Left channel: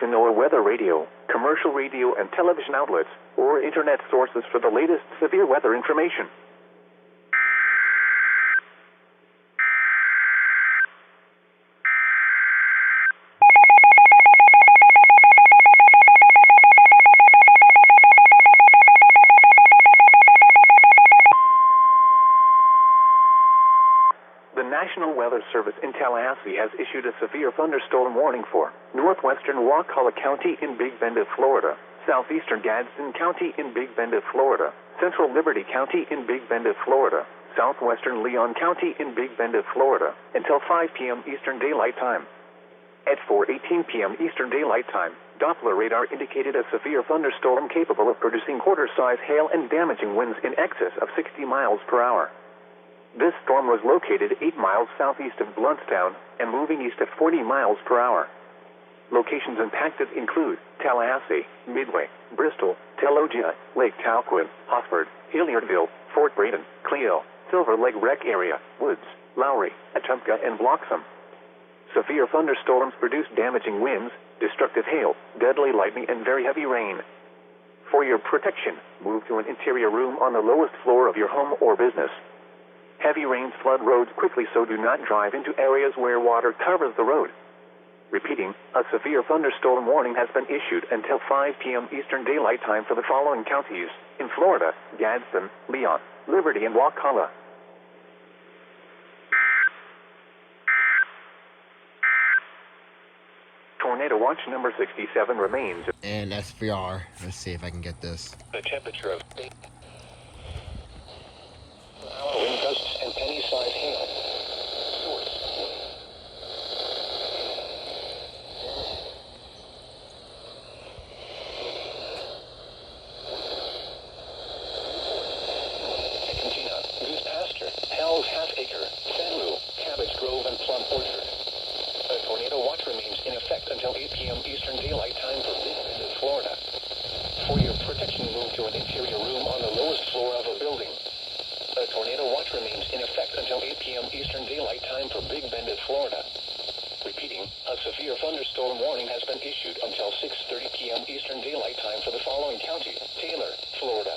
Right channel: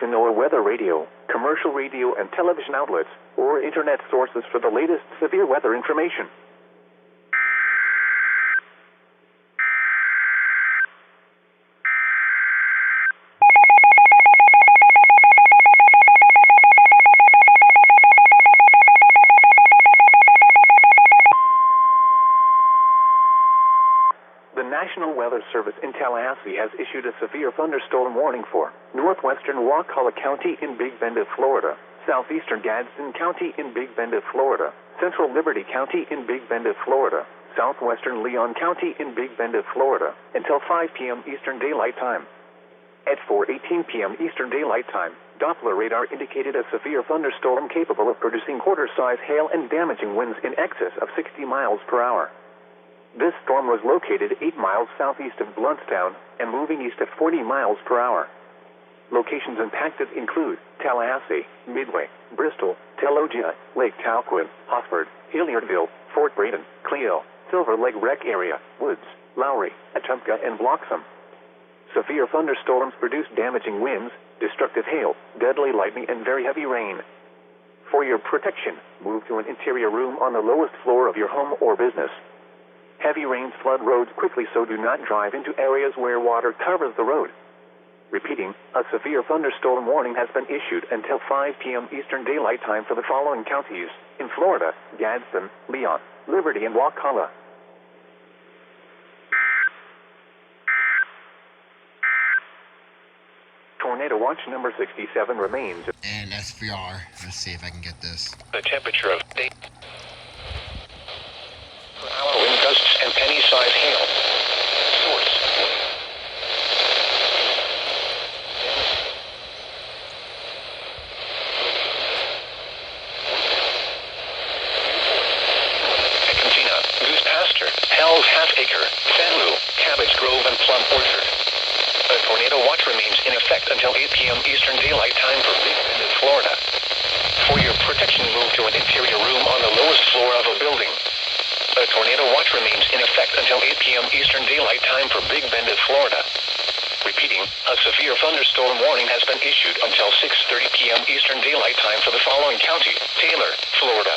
To know weather radio, commercial radio and television outlets, or internet sources for the latest severe weather information. The National Weather Service in Tallahassee has issued a severe thunderstorm warning for northwestern Wakulla County in Big Bend, Florida, southeastern Gadsden County in Big Bend, Florida, central Liberty County in Big Bend, Florida, southwestern Leon County in Big Bend, Florida, until 5 p.m. Eastern Daylight Time. At 4:18 p.m. Eastern Daylight Time, Doppler radar indicated a severe thunderstorm capable of producing quarter-size hail and damaging winds in excess of 60 miles per hour. This storm was located 8 miles southeast of Bluntstown and moving east at 40 miles per hour. Locations impacted include Tallahassee, Midway, Bristol, Telogia, Lake Talquin, Hosford, Hilliardville, Fort Braden, Clio, Silver Lake Rec Area, Woods, Lowry, Atumka, and Bloxham. Severe thunderstorms produce damaging winds, destructive hail, deadly lightning, and very heavy rain. For your protection, move to an interior room on the lowest floor of your home or business. Heavy rains flood roads quickly, so do not drive into areas where water covers the road. Repeating, a severe thunderstorm warning has been issued until 5 p.m. Eastern Daylight Time for the following counties in Florida: Gadsden, Leon, Liberty, and Wakulla. Tornado watch number 67 remains. And SVR, let's see if I can get this. The temperature of day. Per hour wind gusts and penny-sized hail. Source. Cantina, Goose Pasture, Hell's Half Acre, Sanlu, Cabbage Grove, and Plum Orchard. A tornado watch remains in effect until 8 p.m. Eastern Daylight Time for Big Bend, Florida. For your protection, move to an interior room on the lowest floor of a building. A tornado watch remains in effect until 8 p.m. Eastern Daylight Time for Big Bend, Florida. Repeating, a severe thunderstorm warning has been issued until 6:30 p.m. Eastern Daylight Time for the following county: Taylor, Florida.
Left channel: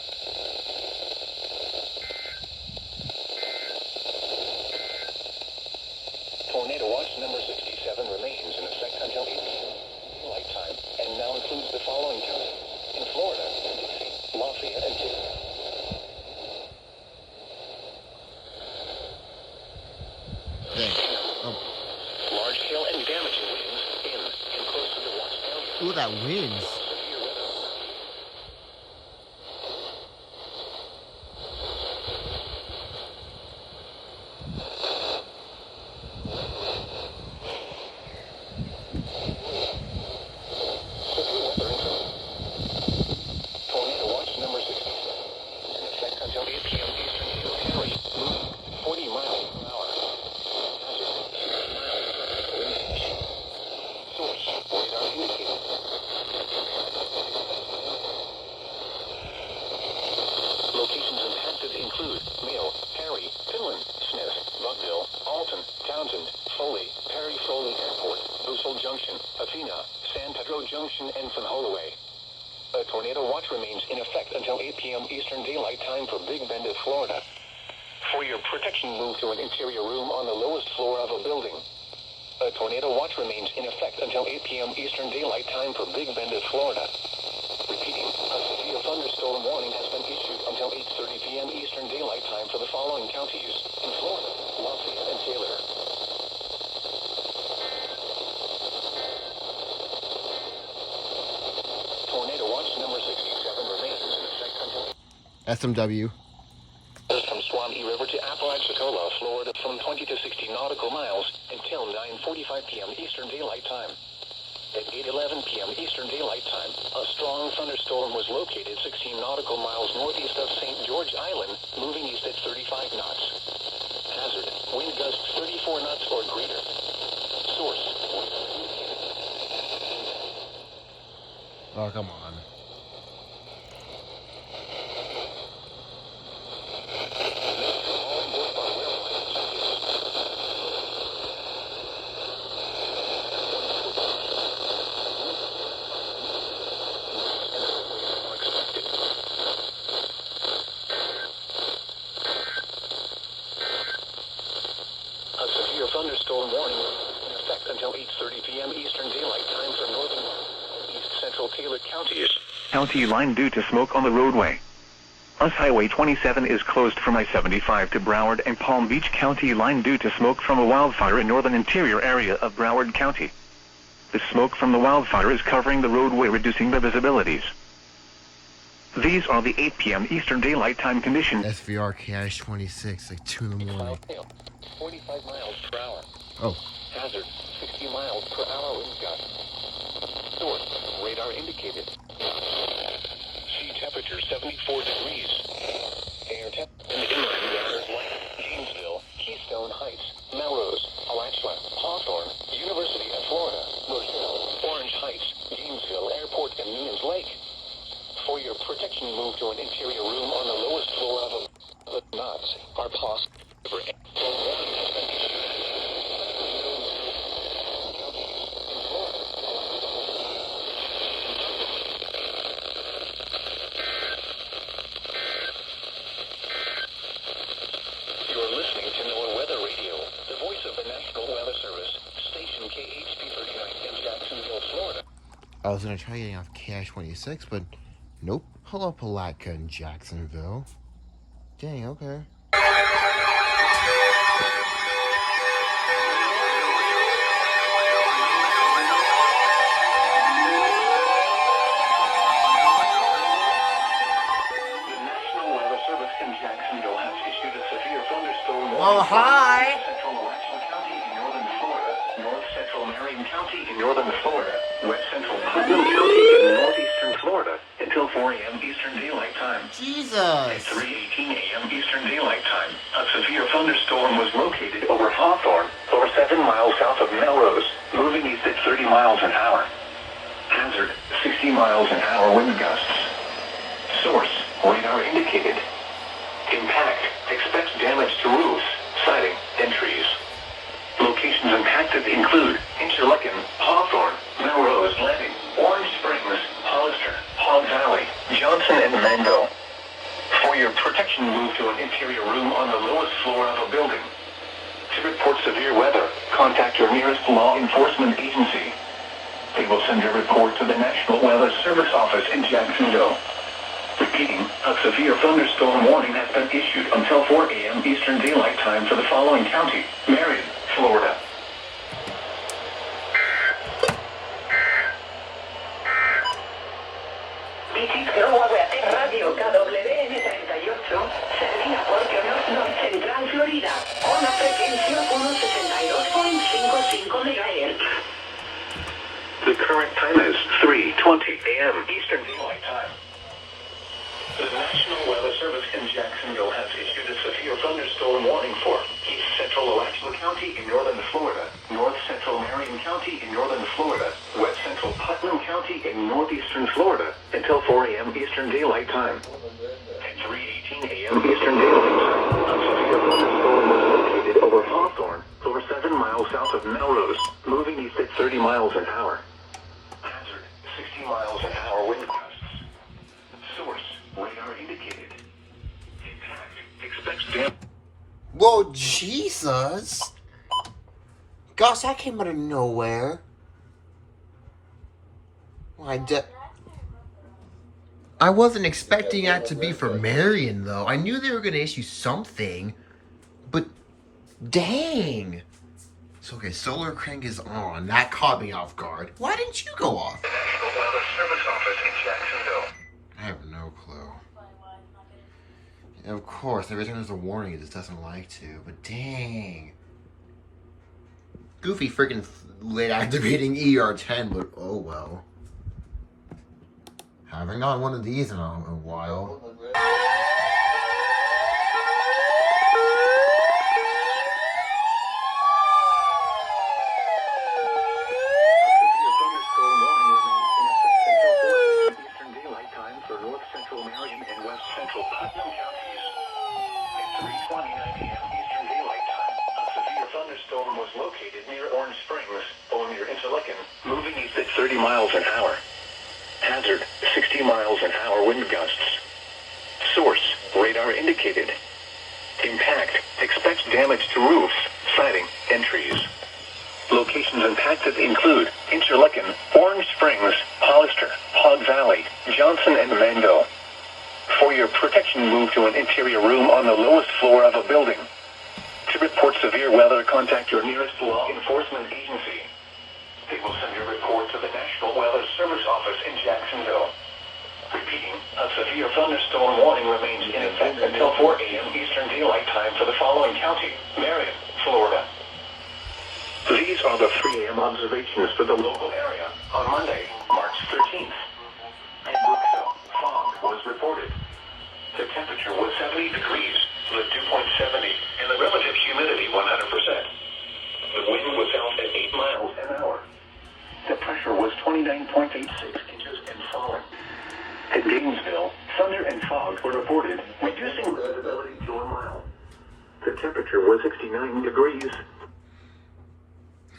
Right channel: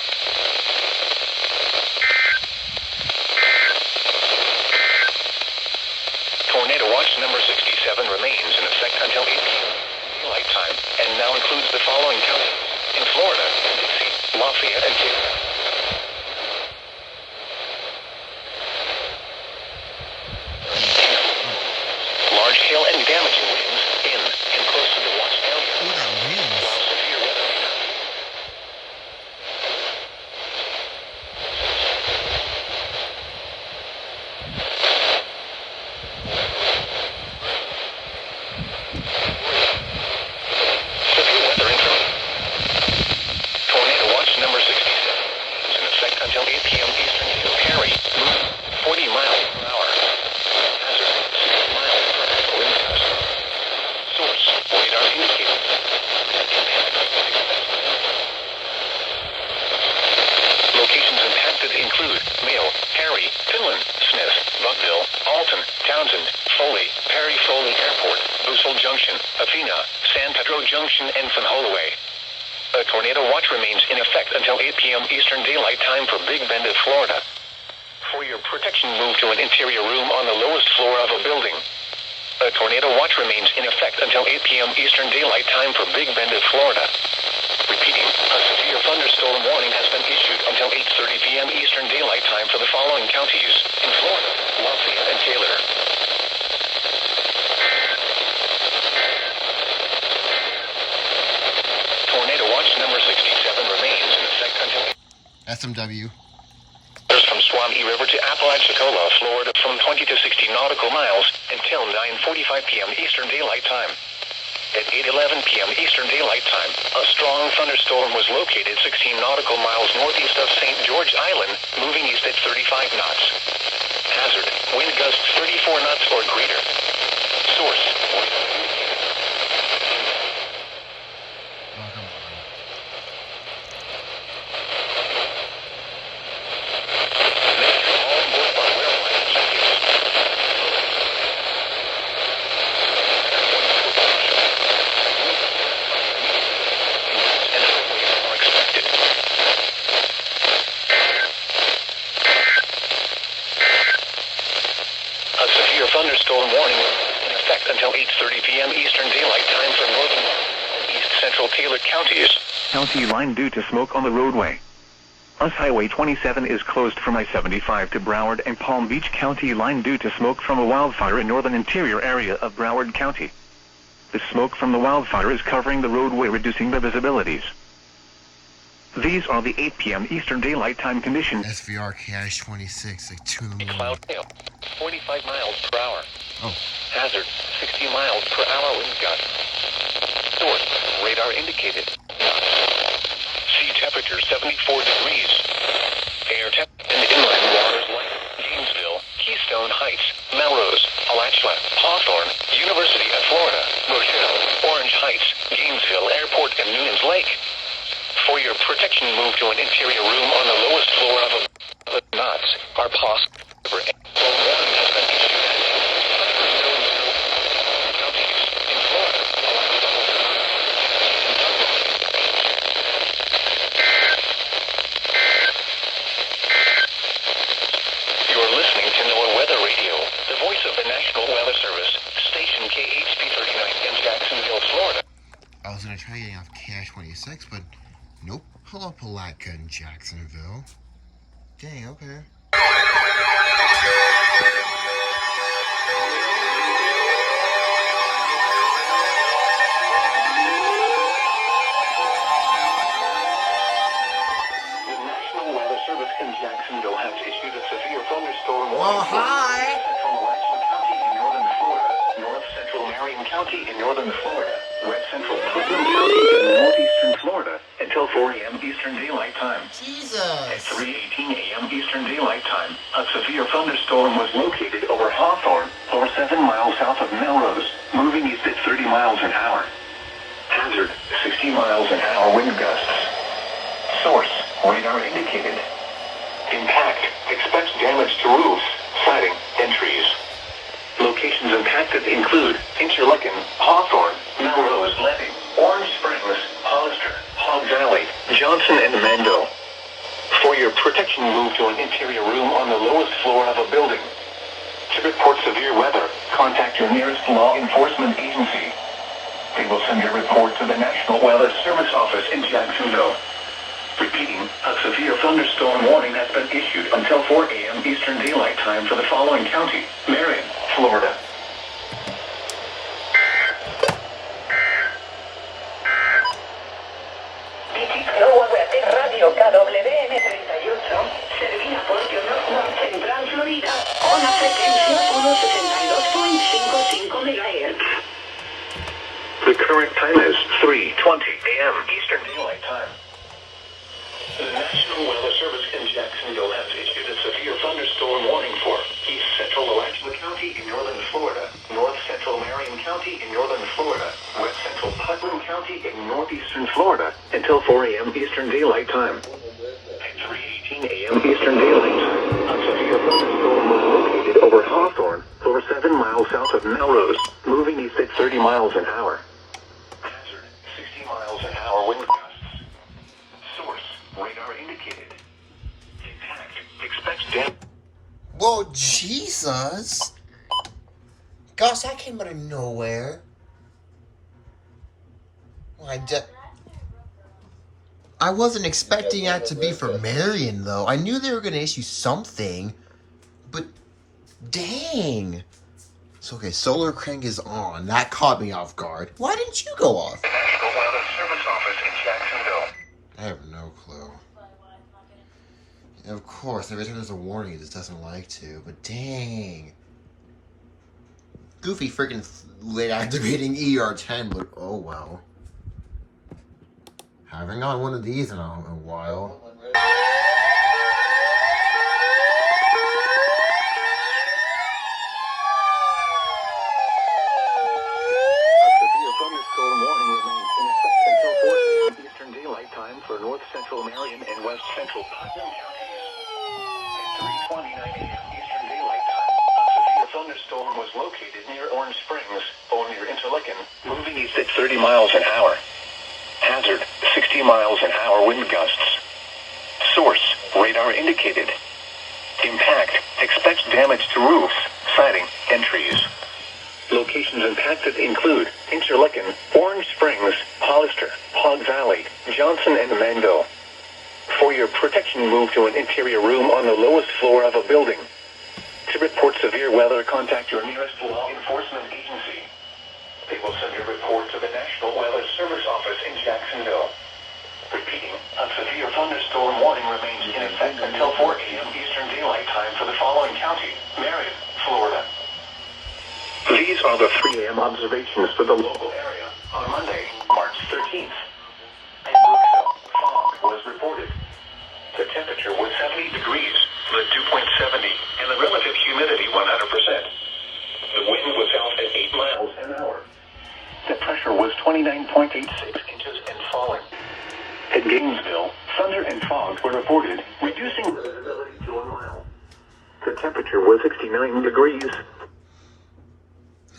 Tornado watch number 67 remains in effect until 8 p.m. Daylight Time, and now includes the following counties in Florida: Dixie, Lafayette, and Taylor. Large hail and damaging winds in and close to the watched area. Ooh, that winds. Severe weather. Severe weather information. Tornado watch number 67 is in effect until 8 p.m. Eastern. Harry, 40 miles per hour. Hazard, 60 miles per hour wind gust. Source, radar indicating. Locations impacted include Mayo, Harry, Finland, Smith, Buckville, Alton, Townsend, Foley, Perry Foley Airport, Busel Junction, Athena, San Pedro Junction, and San Holloway. A tornado watch remains in effect until 8 p.m. Eastern Daylight Time for Big Bend, Florida. For your protection, move to an interior room on the lowest floor of a building. A tornado watch remains in effect until 8 p.m. Eastern Daylight Time for Big Bend, Florida. Repeating, a severe thunderstorm warning has been issued until 8:30 p.m. Eastern Daylight Time for the following counties in Florida: Lafayette and Taylor. Tornado watch number 67 remains in effect until SMW. From Swami River to Apalachicola, Florida, from 20 to 60 nautical miles until 9:45 p.m. Eastern Daylight Time. At 8:11 p.m. Eastern Daylight Time, a strong thunderstorm was located 16 nautical miles northeast of St. George Island, moving east at 35 knots. Hazard, wind gusts 34 knots or greater. Source. Oh, come on. Thunderstorm warning in effect until 8:30 p.m. Eastern Daylight Time for northern and east central Taylor counties. County line due to smoke on the roadway. US Highway 27 is closed from I-75 to Broward and Palm Beach County line due to smoke from a wildfire in northern interior area of Broward County. The smoke from the wildfire is covering the roadway, reducing the visibilities. These are the 8 p.m. Eastern Daylight Time conditions. SVR KIH-26, like 2 in the morning. 45 miles per hour. Oh. Hazard, 60 miles per hour wind gust. Source, radar indicated. Sea temperature 74 degrees. Air temp and inland waters light. Gainesville, Keystone Heights, Melrose, Alachua, Hawthorne, University of Florida, Rochelle, Orange Heights, Gainesville Airport, and Noonan's Lake. For your protection, move to an interior room on the lowest floor of a knots are possible. You're listening to NOAA Weather Radio, the voice of the National Weather Service, station KHP39 in Jacksonville, Florida. I was going to try getting off KIH-26, but nope. Hello, Palatka in Jacksonville. Dang, okay. Jacksonville has issued a severe thunderstorm warning. Oh, hi! North Central Marion County in northern Florida, West Central Putnam County in northeastern Florida, until 4 a.m. Eastern Daylight Time. Jesus! At 3:18 a.m. Eastern Daylight Time, a severe thunderstorm was located over Hawthorne, or 7 miles south of Melrose, moving east at 30 miles an hour. Hazard, 60 miles an hour wind gusts. Source, radar indicated. Impact, expects damage to roofs, siding, and trees. Locations impacted include Interlaken, Hawthorne, Melrose, Levy, Orange Springs, Hollister, Hog Valley, Johnson, and Mango. For your protection, move to an interior room on the lowest floor of a building. To report severe weather, contact your nearest law enforcement agency. They will send your report to the National Weather Service office in Jacksonville. Repeating, a severe thunderstorm warning has been issued until 4 a.m. Eastern Daylight Time for the following county: Marion, Florida. Radio KWN 38, servida por North Central Florida, con la frecuencia 162.55 MHz. The current time is 3:20 a.m. Eastern Daylight Time. The National Weather Service in Jacksonville has issued a severe thunderstorm warning for East Central Alachua County in northern Florida, North Central Marion County in northern Florida, West Central Putnam County in northeastern Florida, until 4 a.m. Eastern Daylight Time. At 3:18 a.m. Eastern Daylight Time, a severe thunderstorm was located over Hawthorne, over 7 miles south of Melrose, moving east at 30 miles an hour. Hazard, 60 miles an hour wind gusts. Source, radar indicated. Impact, expects damage. Whoa, Jesus! Gosh, that came out of nowhere. I wasn't expecting that to be for Marion, though. I knew they were going to issue something, but dang. So, okay, solar crank is on. That caught me off guard. Why didn't you go off? National Weather Service office in Jacksonville. I have no clue. Of course, every time there's a warning, it just doesn't like to, but dang. Goofy freaking late activating ER10, but oh well. Haven't got one of these in a while. Eastern Daylight Time for North Central Marion and West Central Putnam counties. At 3:29 a.m. Eastern Daylight Time, a severe thunderstorm was located near Orange Springs, or near Interlaken, moving east at 30 miles an hour. Hazard, 60 miles an hour wind gusts. Source, radar indicated. Impact, expects damage to roofs, siding, and trees. Locations impacted include Interlaken, Orange Springs, Hollister, Hog Valley, Johnson, and Mango. For your protection, move to an interior room on the lowest floor of a building. To report severe weather, contact your nearest law enforcement agency. They will send your report to the National Weather Service office in Jacksonville. Repeating, a severe thunderstorm warning remains in effect until 4 a.m. Eastern Daylight Time for the following county: Marion, Florida. These are the 3 a.m. observations for the local area on Monday, March 13th. In Brooksville, fog was reported. The temperature was 70 degrees, the dew point 70, and the relative humidity 100%. The wind was out at 8 miles an hour. The pressure was 29.86 inches and falling. At Gainesville, thunder and fog were reported, reducing visibility to a mile. The temperature was 69 degrees.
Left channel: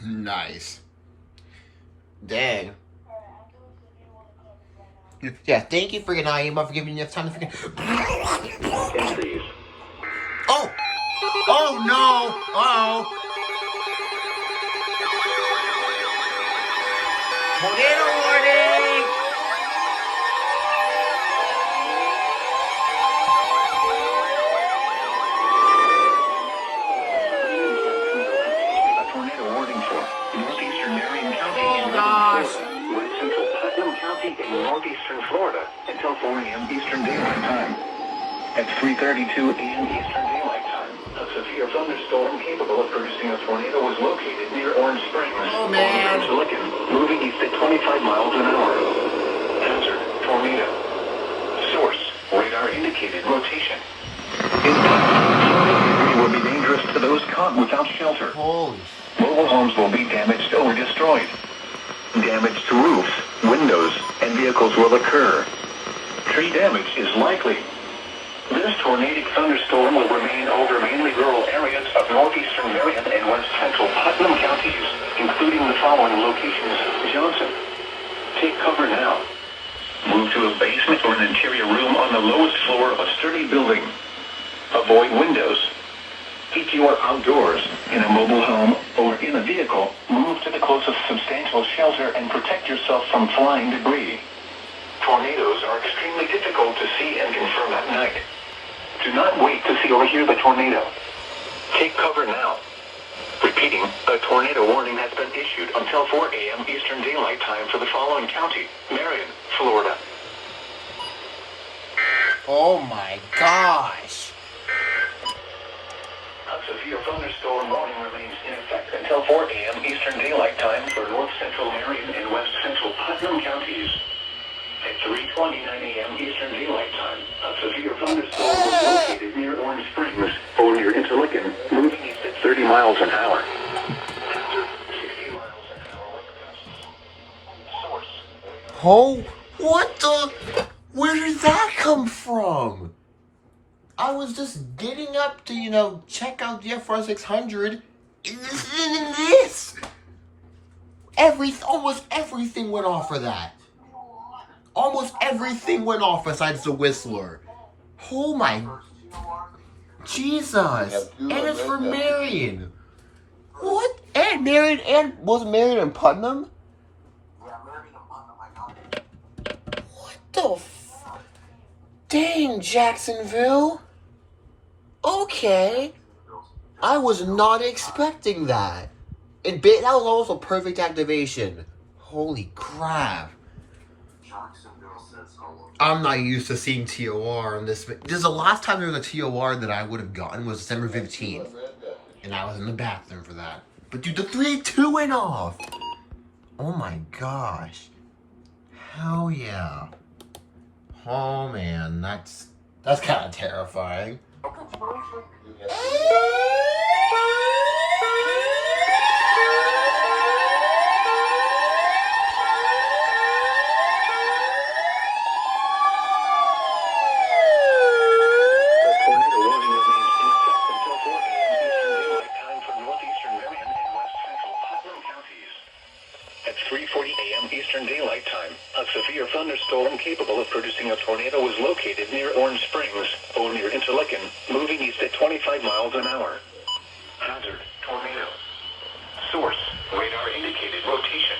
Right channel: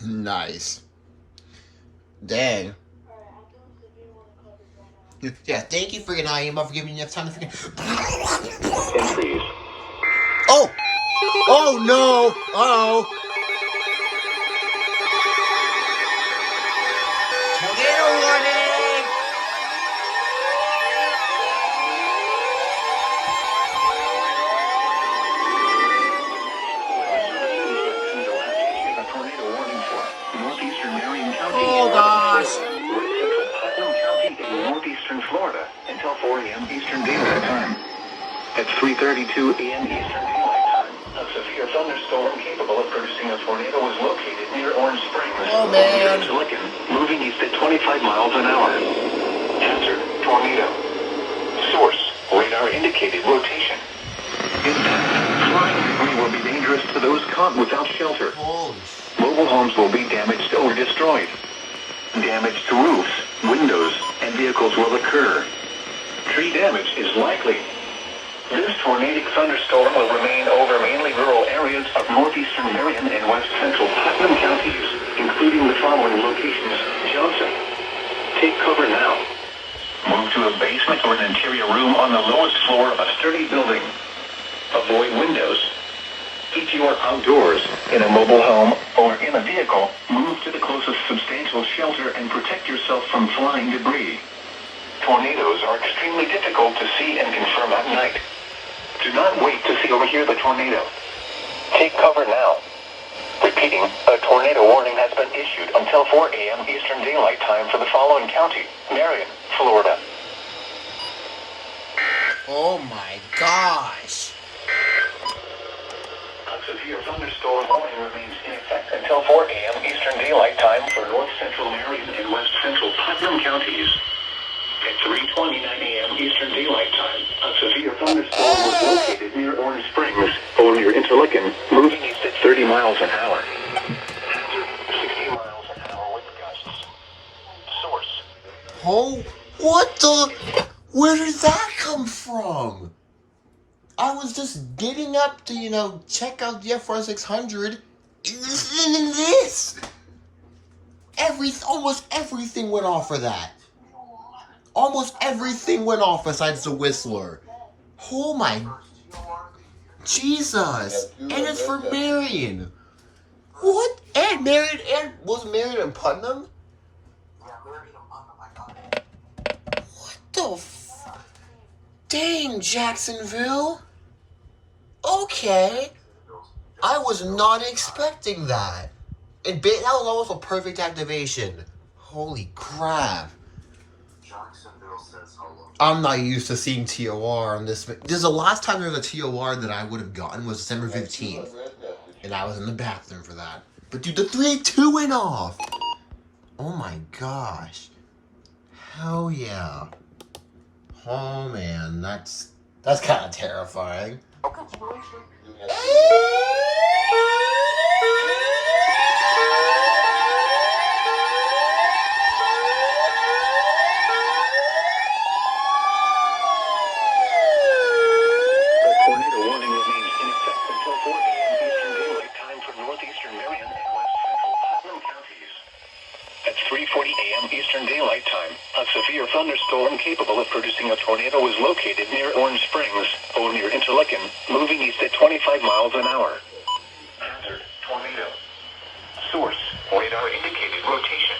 Nice. Dang. Yeah, thank you freaking IEM for giving me enough time to freaking... Oh! Oh no! Uh-oh! Tornado warning! A tornado warning for northeastern Marion County. Oh gosh! Central Putnam County in northeastern Florida until 4 a.m. Eastern Daylight Time. At 3:32 a.m. Eastern Daylight Time, a severe thunderstorm capable of producing a tornado was located near Orange Springs, Interlaken, moving east at 25 miles an hour. Hazard, tornado. Source, radar indicated rotation. Impact, flying debris will be dangerous to those caught without shelter. Holy Mobile homes will be damaged or destroyed. Damage to roofs, windows, and vehicles will occur. Tree damage is likely. This tornadic thunderstorm will remain over mainly rural areas of northeastern Marion and west central Putnam counties, including the following locations: Johnson. Take cover now. Move to a basement or an interior room on the lowest floor of a sturdy building. Avoid windows. If you are outdoors, in a mobile home, or in a vehicle, move to the closest substantial shelter and protect yourself from flying debris. Tornadoes are extremely difficult to see and confirm at night. Do not wait to see or hear the tornado. Take cover now. Repeating, a tornado warning has been issued until 4 a.m. Eastern Daylight Time for the following county: Marion, Florida. Oh my gosh! A severe thunderstorm warning remains in effect until 4 a.m. Eastern Daylight Time for north central Marion and west central Putnam counties. At 3:29 a.m. Eastern Daylight Time, a severe thunderstorm was located near Orange Springs, or near Interlaken, moving east at 30 miles an hour. Hazard, 60 miles an hour wind gusts. Source. Oh, what the? Where did that come from? I was just getting up to, check out the FR 600. And this! Almost everything went off for that. Almost everything went off besides the Whistler. Oh my... Jesus! And it's for Marion. What? And Marion and... Was Marion and Putnam? What the Dang, Jacksonville. Okay. I was not expecting that. That was almost a perfect activation. Holy crap. I'm not used to seeing TOR on this. The last time there was a TOR that I would have gotten was December 15th. And I was in the bathroom for that. But dude, the 382 went off. Oh my gosh. Hell yeah. Oh man, that's kind of terrifying. At 3:40 a.m. Eastern Daylight Time, a severe thunderstorm capable of producing a tornado was located near Orange Springs, or near Interlaken, moving east at 25 miles an hour. Hazard, tornado. Source, radar indicated rotation.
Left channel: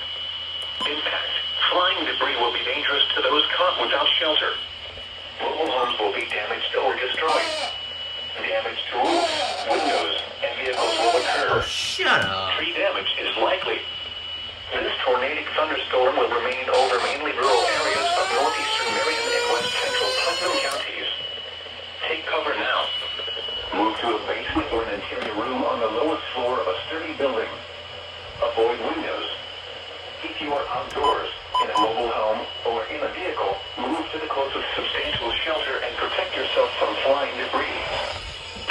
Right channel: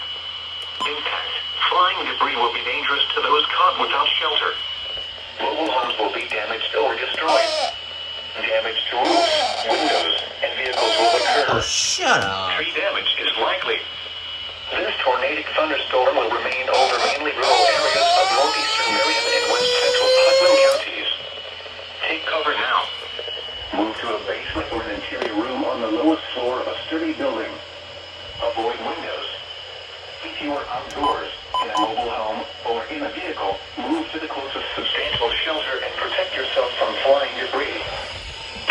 Impact, flying debris will be dangerous to those caught without shelter. Mobile homes will be damaged or destroyed. Damage to roofs, windows, and vehicles will occur. Oh, shut up. Tree damage is likely. This tornadic thunderstorm will remain over mainly rural areas of northeastern Marion and west central Putnam counties. Take cover now. Move to a basement or an interior room on the lowest floor of a sturdy building. Avoid windows. If you are outdoors, in a mobile home, or in a vehicle, move to the closest substantial shelter and protect yourself from flying debris.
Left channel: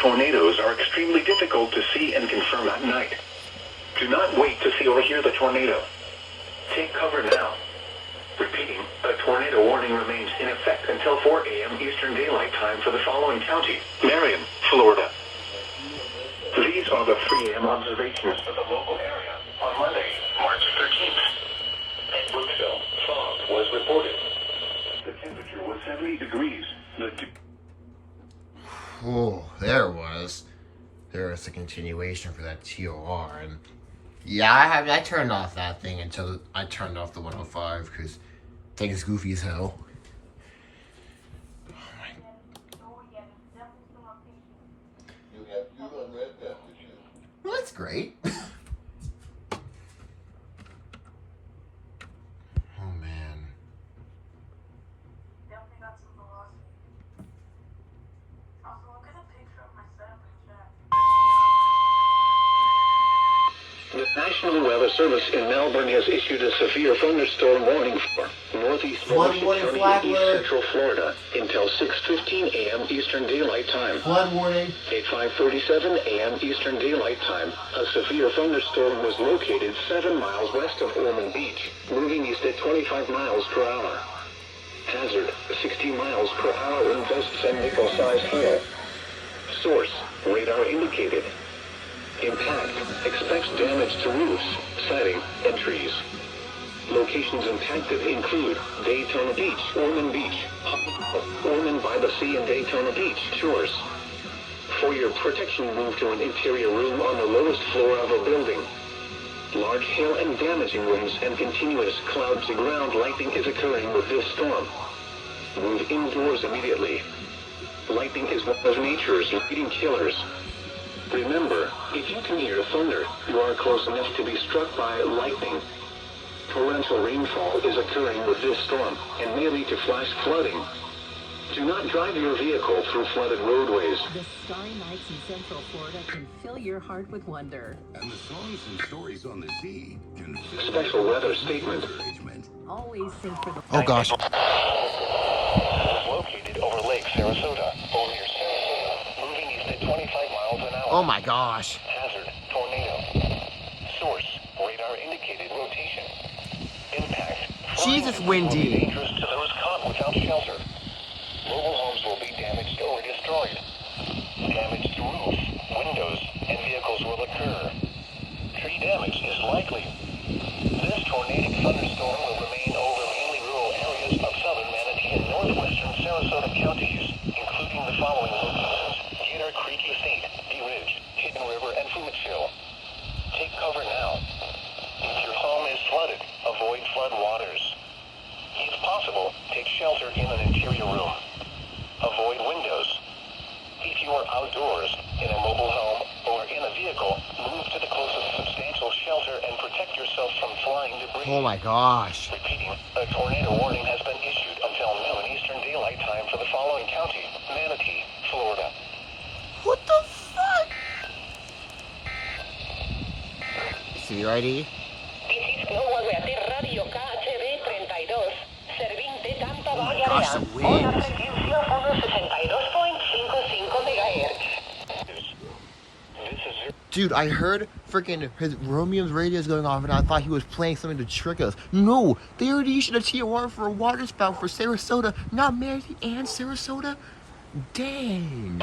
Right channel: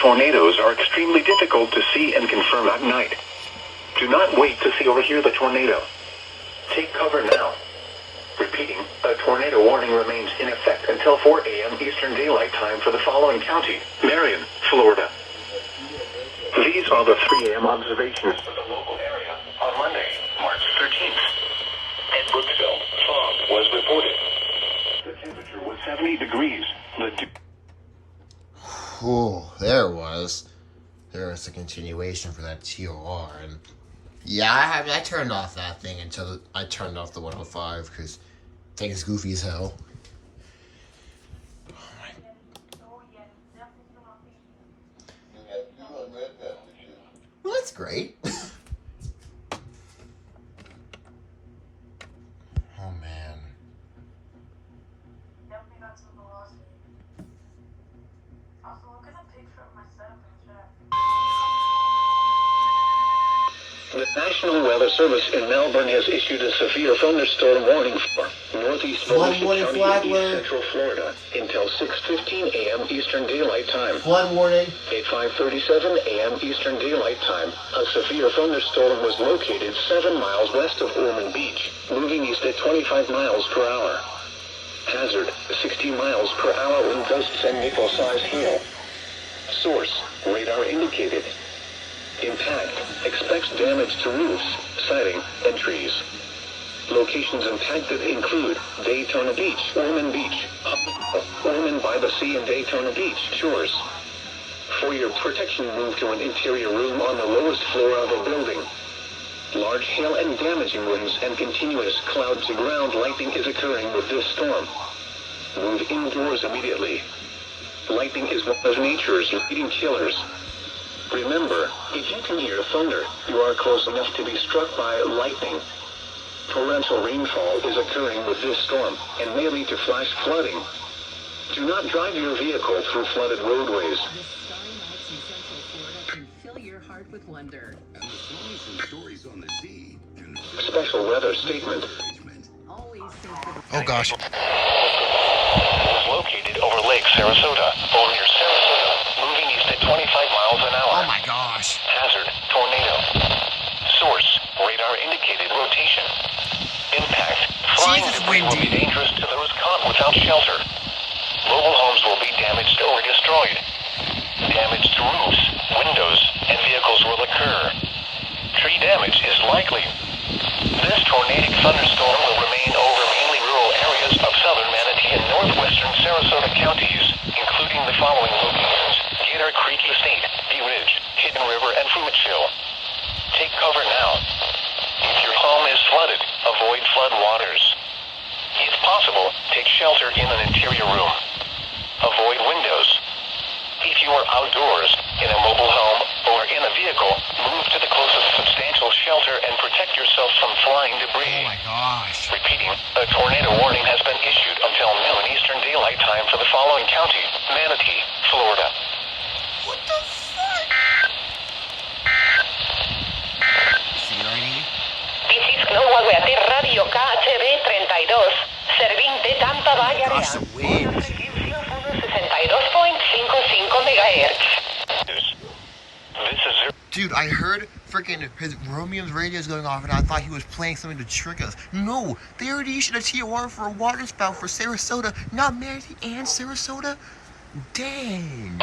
Tornadoes are extremely difficult to see and confirm at night. Do not wait to see or hear the tornado. Take cover now. Repeating, a tornado warning remains in effect until 4 a.m. Eastern Daylight Time for the following county: Marion, Florida. These are the 3 a.m. observations for the local area on Monday, March 13th. At Brooksville, fog was reported. The temperature was 70 degrees. Oh, there it was. There was a continuation for that TOR, and yeah, I turned off that thing until I turned off the 105 because thing is goofy as hell. Well, that's great. Oh man. The National Weather Service in Melbourne has issued a severe thunderstorm warning for northeast County and east central Florida until 6:15 a.m. Eastern Daylight Time. Flood warning. At 5:37 a.m. Eastern Daylight Time, a severe thunderstorm was located 7 miles west of Ormond Beach, moving east at 25 miles per hour. Hazard, 60 miles per hour wind gusts and nickel-sized hail. Source, radar indicated. Impact, expects damage to roofs, siding, and trees. Locations impacted include Daytona Beach, Ormond Beach, Ormond by the Sea and Daytona Beach shores. For your protection, move to an interior room on the lowest floor of a building. Large hail and damaging winds and continuous cloud-to-ground lightning is occurring with this storm. Move indoors immediately. Lightning is one of nature's leading killers. Remember, if you can hear thunder, you are close enough to be struck by lightning. Torrential rainfall is occurring with this storm and may lead to flash flooding. Do not drive your vehicle through flooded roadways. The star nights in Central Florida can fill your heart with wonder. And the songs and stories on the sea can... Special weather statement. Always synchronized. Oh gosh. Is located over Lake Sarasota, or near Sarasota, moving east at 25 miles an hour. Oh my gosh. Hazard, tornado. Source, radar indicated rotation. Impact, flying Jesus, debris will be windy. dangerous to those caught without shelter. Mobile homes will be damaged or destroyed. Damage to roofs, windows, and vehicles will occur. Tree damage is likely. This tornadic thunderstorm will remain over mainly rural areas of southern Manatee and northwestern Sarasota counties, including the following locations: Gator Creek Estate, Bee Ridge, Hidden River, and Fruitsville. Take cover now. If your home is flooded, avoid flood waters. If possible, take shelter in an interior room. Avoid windows. If you are outdoors, in a mobile home, or in a vehicle, move to the closest substantial shelter and protect yourself from flying debris. Oh my gosh. Repeating, a tornado warning has been issued until noon Eastern Daylight Time for the following county: Manatee, Florida. What the fuck? gosh, the wind. Frecuencia 162.55 MHz. Dude, I heard freaking his Romeo's radios going off, and I thought he was playing something to trick us. No, they already issued a TOR for a water spout for Sarasota, not Mary and Sarasota. Dang.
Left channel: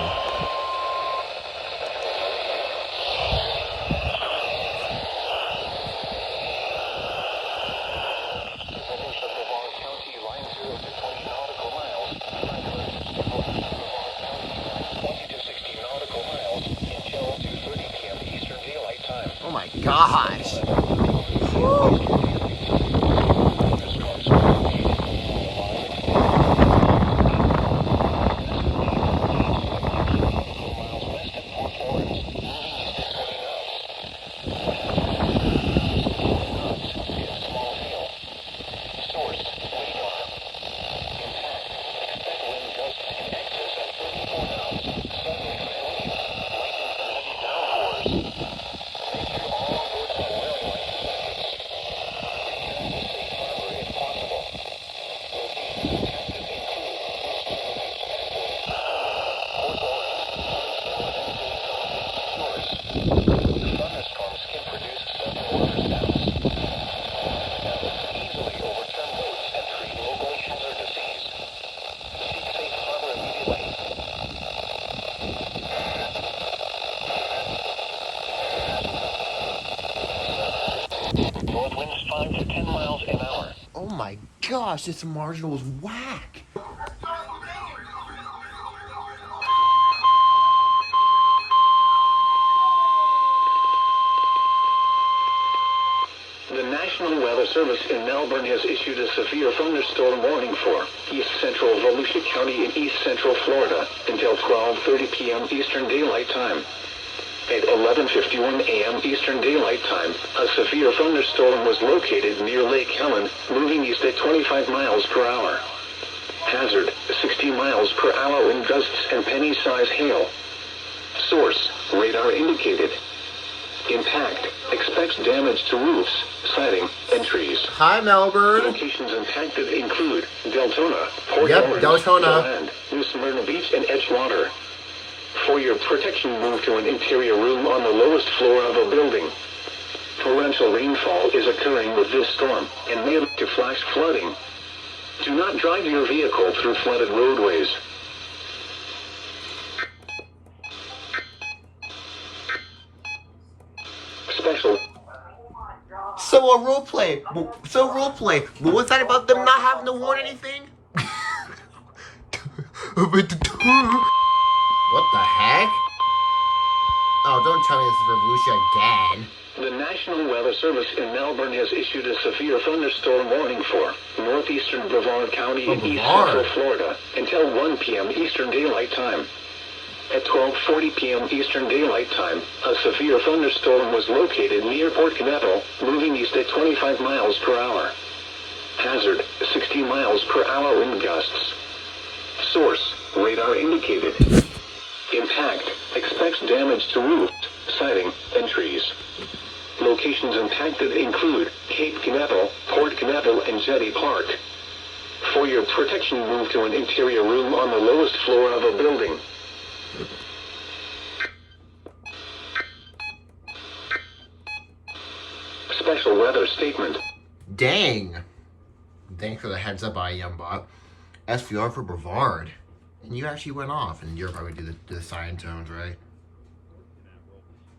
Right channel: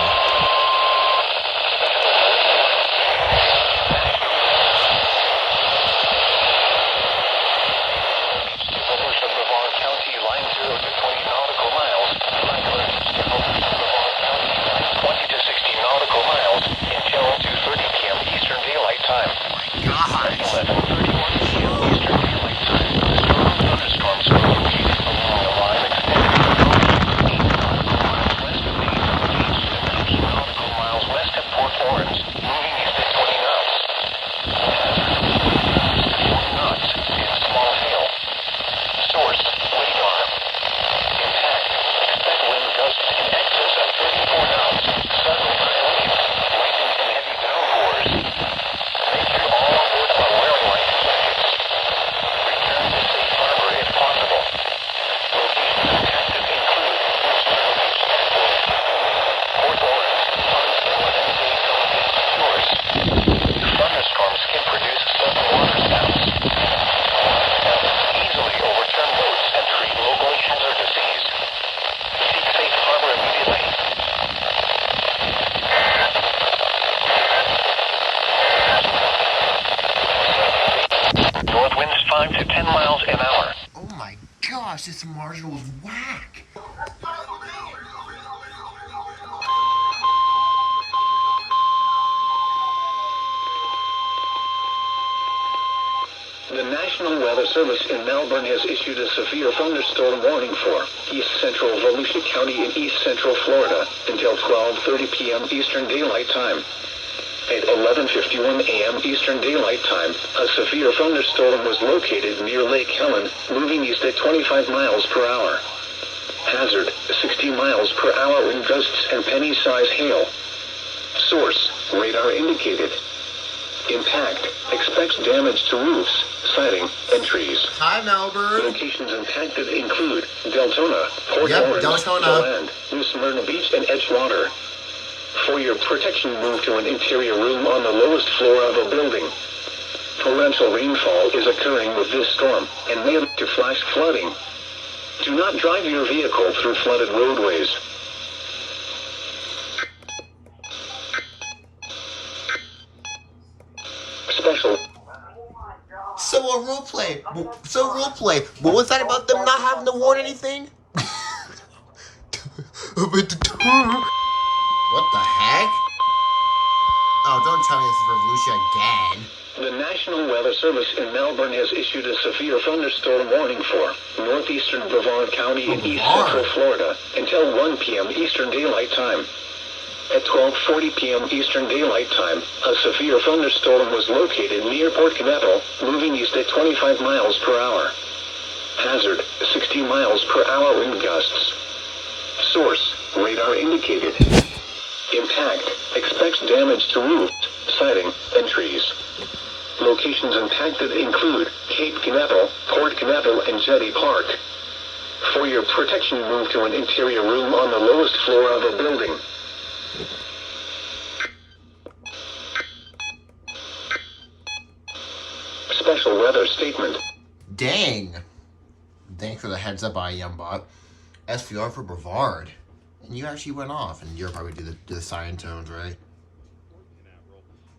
Oh my gosh. North winds 5 to 10 miles an hour. Oh my gosh, this marginal was whack. The National Weather Service in Melbourne has issued a severe thunderstorm warning for East Central Volusia County in East Central Florida until 12:30 p.m. Eastern Daylight Time. At 11:51 a.m. Eastern Daylight Time, a severe thunderstorm was located near Lake Helen, moving east at 25 miles per hour. Hazard, 60 miles per hour wind gusts and penny-size hail. Source, radar indicated. Impact, expects damage to roofs, siding, and trees. Hi, Melbourne. Locations impacted include Deltona, Port Orange, Deltona, DeLand, EastMelbourne Beach, and Edgewater. For your protection, move to an interior room on the lowest floor of a building. Torrential rainfall is occurring with this storm and may lead to flash flooding. Do not drive your vehicle through flooded roadways. Special. So role play. What was that about them not having to warn anything? What the heck? Oh, don't tell me this is Revolution again. The National Weather Service in Melbourne has issued a severe thunderstorm warning for northeastern Brevard County in East Central Florida until 1 p.m. Eastern Daylight Time. At 12:40 p.m. Eastern Daylight Time, a severe thunderstorm was located near Port Canaveral, moving east at 25 miles per hour. Hazard, 60 miles per hour wind gusts. Source, radar indicated. Impact, expects damage to roofs, siding, and trees. Locations impacted include Cape Canaveral, Port Canaveral, and Jetty Park. For your protection, move to an interior room on the lowest floor of a building. Special weather statement. Dang. Thanks for the heads up, IEMBot. SVR for Brevard. And you actually went off, and you're probably do the cyan tones, right?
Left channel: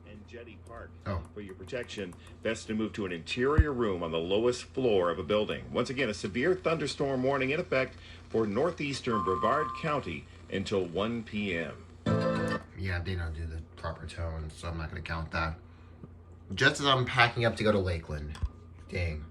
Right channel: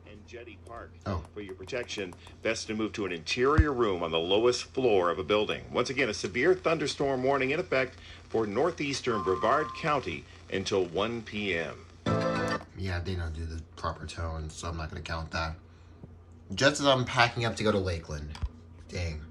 And Jetty Park. Oh. For your protection, best to move to an interior room on the lowest floor of a building. Once again, a severe thunderstorm warning in effect for northeastern Brevard County until 1 p.m. Yeah, they don't do the proper tones, so I'm not going to count that. Just as I'm packing up to go to Lakeland. Dang.